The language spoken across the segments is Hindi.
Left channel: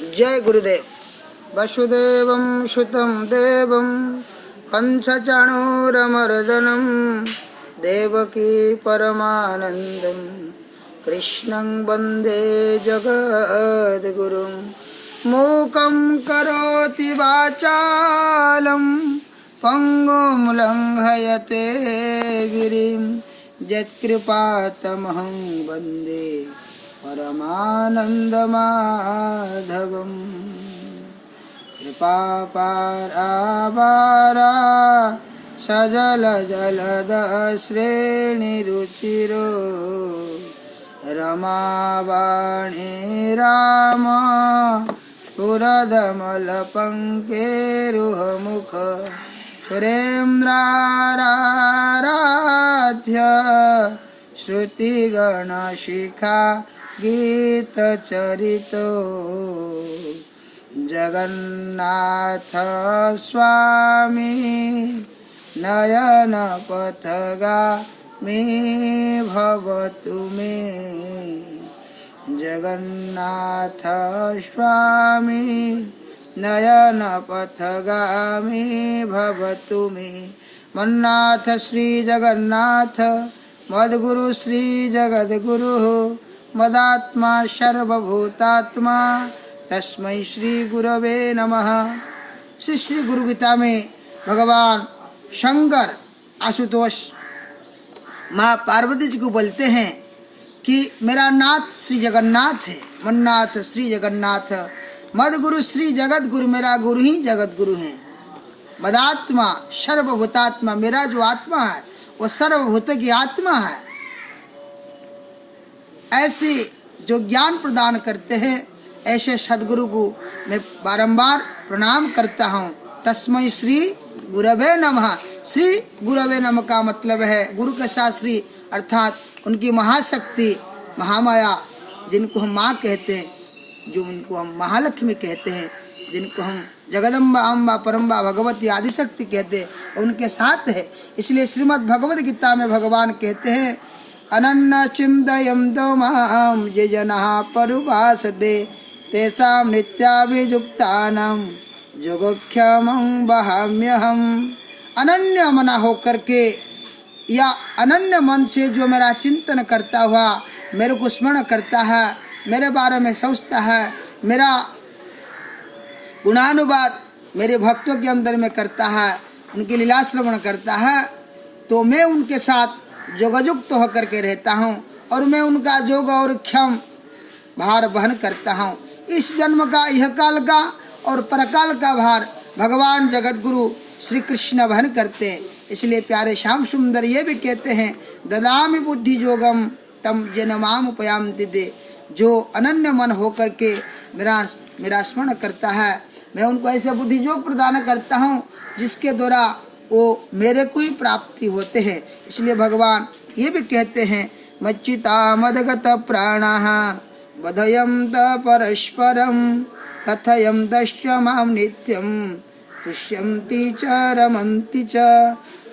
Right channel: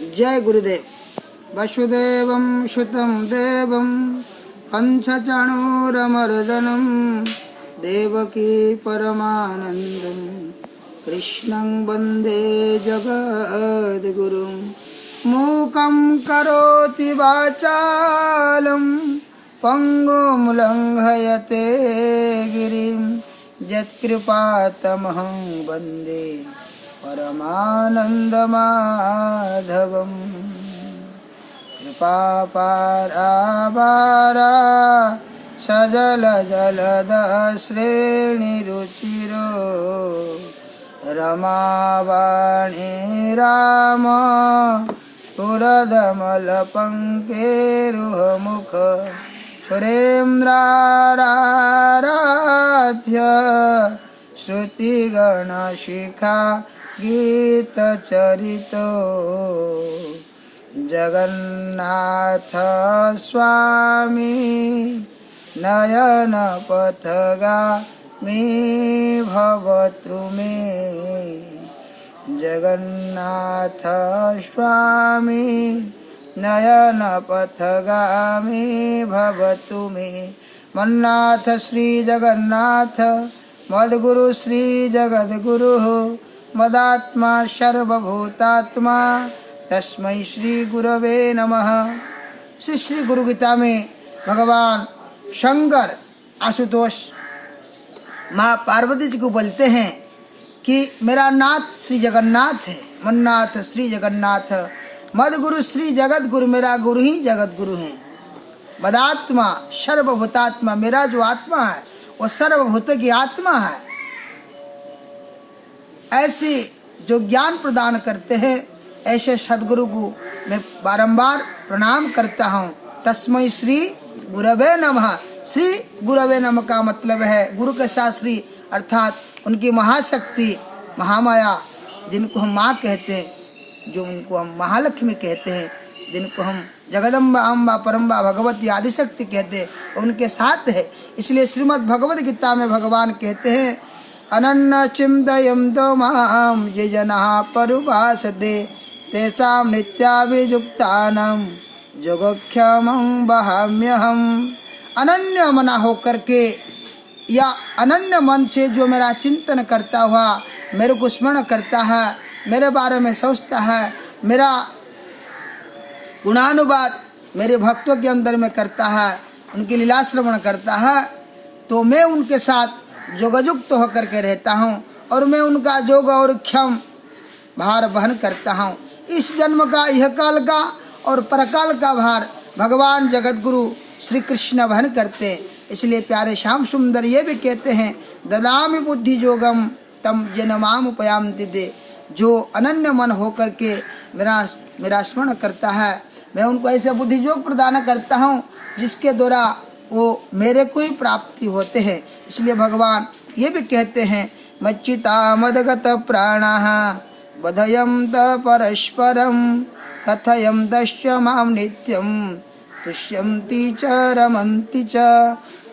जय गुरुदेव। वसुदेवं सुतं देवं कंसचाणूरमर्दनं देवकी परमानन्दं कृष्णं वन्दे जगद्गुरुं। मूकं करोति वाचालं पङ्गुं लङ्घयते गिरिं यत्कृपातमहं वन्दे परमानन्दमाधवम्। कृपापारावारा सजल जलदश्रेणिरुचिरो रमावाणी राम पुरदमलपङ्केरुहमुख सुरेन्द्राराध्य श्रुतिगणशिखा गीतचरितो जगन्नाथ स्वामी नयनपथगामी भवतु मे। जगन्नाथ स्वामी नयनपथगामी भवतु मे। मन्नाथ श्री जगन्नाथ मद्गुरु श्री जगद्गुरु मदात्मा सर्वभूतात्मा तस्मै श्री गुरवे नमः। श्री गुरु गीता में भगवान शंकर आशुतोष माँ पार्वती जी को बोलते हैं कि मेरा नाथ श्री जगन्नाथ है। मन्नाथ श्री जगन्नाथ मदगुरु श्री जगत गुरु, मेरा गुरु ही जगत गुरु है। मदात्मा सर्वभूतात्मा, मेरा जो आत्मा है वो सर्वभूत की आत्मा है। ऐसे जो ज्ञान प्रदान करते हैं ऐसे सदगुरु को मैं बारंबार प्रणाम करता हूँ। तस्मै श्री गुरवे नमः। श्री गुरवे नमः का मतलब है गुरु के साथ श्री अर्थात उनकी महाशक्ति महामाया, जिनको हम माँ कहते हैं, जो उनको हम महालक्ष्मी कहते हैं, जिनको हम जगदम्बा अम्बा परम्बा भगवती आदिशक्ति कहते हैं, उनके साथ है। इसलिए श्रीमद् भगवद गीता में भगवान कहते हैं अनन्य चिन्तयन्तो मां ये जनाः पर्युपासते तेषां नित्याभियुक्तानां योगक्षेमं वहाम्यहम्। अनन्य मना होकर के या अनन्य मन से जो मेरा चिंतन करता हुआ मेरे को स्मरण करता है, मेरे बारे में सोचता है, मेरा गुणानुवाद मेरे भक्तों के अंदर में करता है, उनकी लीला श्रवण करता है, तो मैं उनके साथ योगयुक्त होकर के रहता हूँ और मैं उनका योग और क्षम भार वहन करता हूँ। इस जन्म का, यह काल का और परकाल का भार भगवान जगत गुरु श्री कृष्ण वहन करते हैं। इसलिए प्यारे श्याम सुंदर ये भी कहते हैं ददामि बुद्धि योगम तम येन माम उपयान्ति ते। जो अनन्य मन होकर के मेरा स्मरण करता है, मैं उनको ऐसे बुद्धि योग प्रदान करता हूँ जिसके द्वारा वो मेरे को ही प्राप्ति होते हैं। इसलिए भगवान ये भी कहते हैं मच्चिता मदगत प्राणाः बधयन्त परस्परं कथयन्तश्च मां नित्यं तुष्यन्ति च रमन्ति च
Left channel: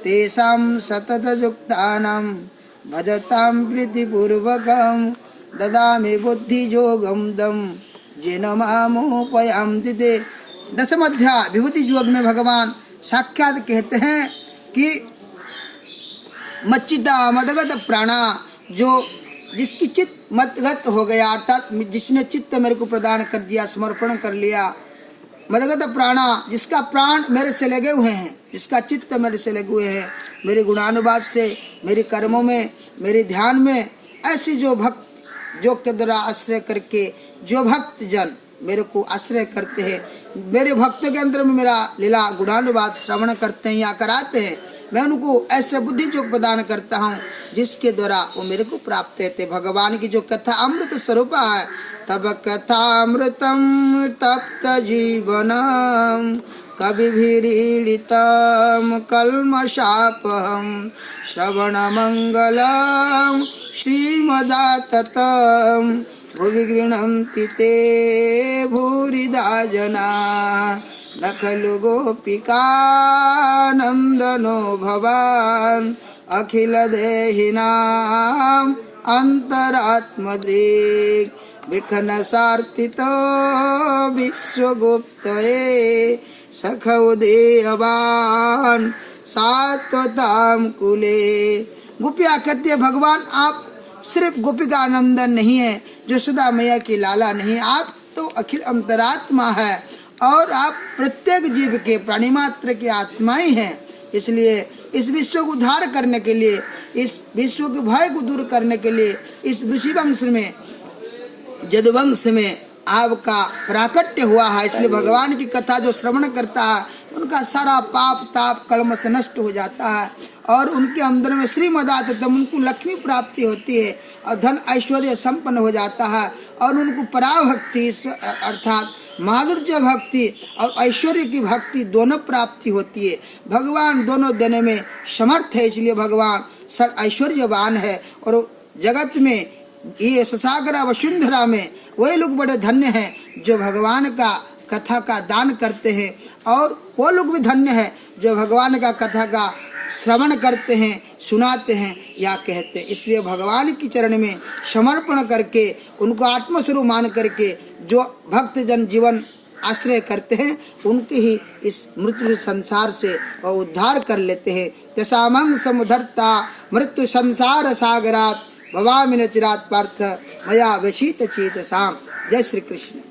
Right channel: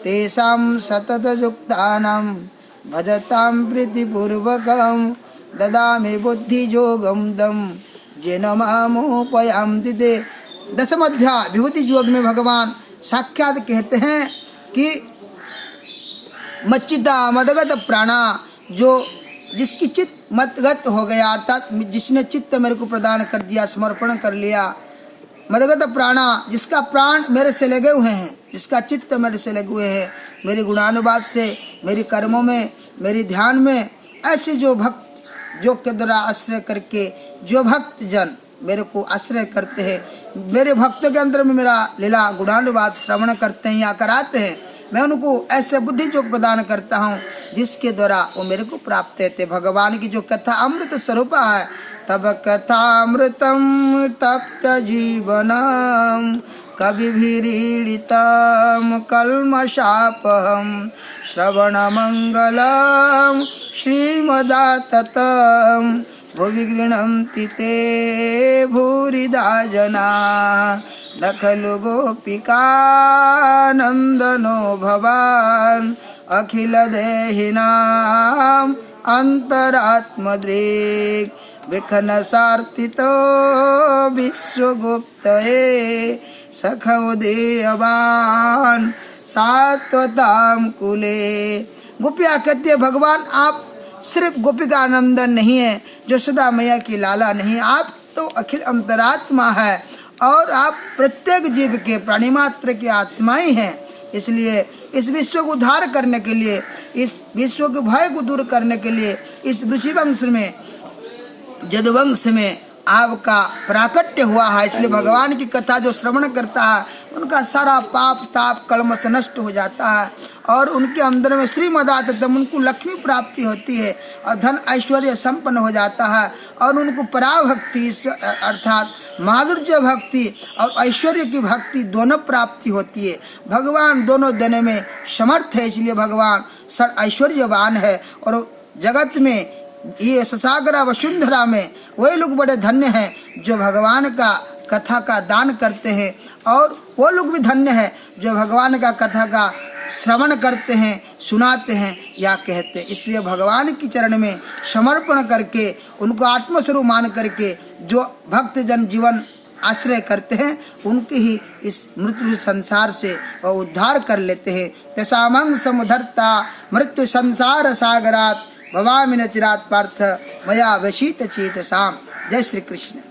तेषां सततयुक्तानां भजतां प्रीतिपूर्वकं ददामि बुद्धियोगं दं येन मामुपयान्ति ते। दशम अध्याय विभूति योग में भगवान साक्षात कहते हैं कि मच्चिता मदगत प्राणा, जो जिसकी चित्त मतगत हो गया अर्थात जिसने चित्त मेरे को प्रदान कर दिया, समर्पण कर लिया। मदगत प्राणा, जिसका प्राण मेरे से लगे हुए हैं, जिसका चित्त मेरे से लगे हुए हैं, मेरे गुणानुवाद से, मेरे कर्मों में, मेरे ध्यान में। ऐसे जो भक्त योग के द्वारा आश्रय करके जो भक्त जन मेरे को आश्रय करते हैं, मेरे भक्तों के अंदर में मेरा लीला गुणानुवाद श्रवण करते हैं या कराते हैं, मैं उनको ऐसे बुद्धि योग प्रदान करता हूँ जिसके द्वारा वो मेरे को प्राप्त होते। भगवान की जो कथा अमृत स्वरूप है, तब कथा अमृतम तप्त जीवनम कविभिरीडितम कल्मषापहम श्रवण मंगलम श्रीमदाततम भुवि गृह्णन्ति ते भूरिदा जना न खलु गोपिकानन्दनो भवान् अखिल देहिनां अंतरात्मदृक् विखन सार्थित विश्वगुप्तये सखौ देवान सात्वताम कुले। गोपिया कहती है भगवान आप सिर्फ गोपिका नंदन नहीं है, यशोदा मैया की लाला नहीं, आप तो अखिल अंतरात्मा है और आप प्रत्येक जीव के प्राणी मात्र की आत्मा ही हैं। इसलिए इस विश्व को उद्धार करने के लिए, इस विश्व के भय को दूर करने के लिए इस ऋषि वंश में, यदुवंश में आपका प्राकट्य हुआ है। इसलिए भगवान की कथा जो श्रवण करता है उनका सारा पाप ताप कलमश नष्ट हो जाता है और उनके अंदर में श्रीमदातम उनको लक्ष्मी प्राप्ति होती है और धन ऐश्वर्य संपन्न हो जाता है और उनको पराभक्ति अर्थात माधुर्य भक्ति और ऐश्वर्य की भक्ति दोनों प्राप्ति होती है। भगवान दोनों देने में समर्थ है, इसलिए भगवान सर ऐश्वर्यवान है। और जगत में ये ससागरा वसुंधरा में वही लोग बड़े धन्य हैं जो भगवान का कथा का दान करते हैं और वो लोग भी धन्य हैं जो भगवान का कथा का श्रवण करते हैं, सुनाते हैं या कहते हैं। इसलिए भगवान की चरण में समर्पण करके उनको आत्मस्वरूप मान करके जो भक्त जन जीवन आश्रय करते हैं उनकी ही इस मृत्यु संसार से उद्धार कर लेते हैं। तेषामं समुद्धर्ता मृत्यु संसार सागरात भवामि न चिरात् पार्थ मया व्यशीत चेतसाम। जय श्री कृष्ण।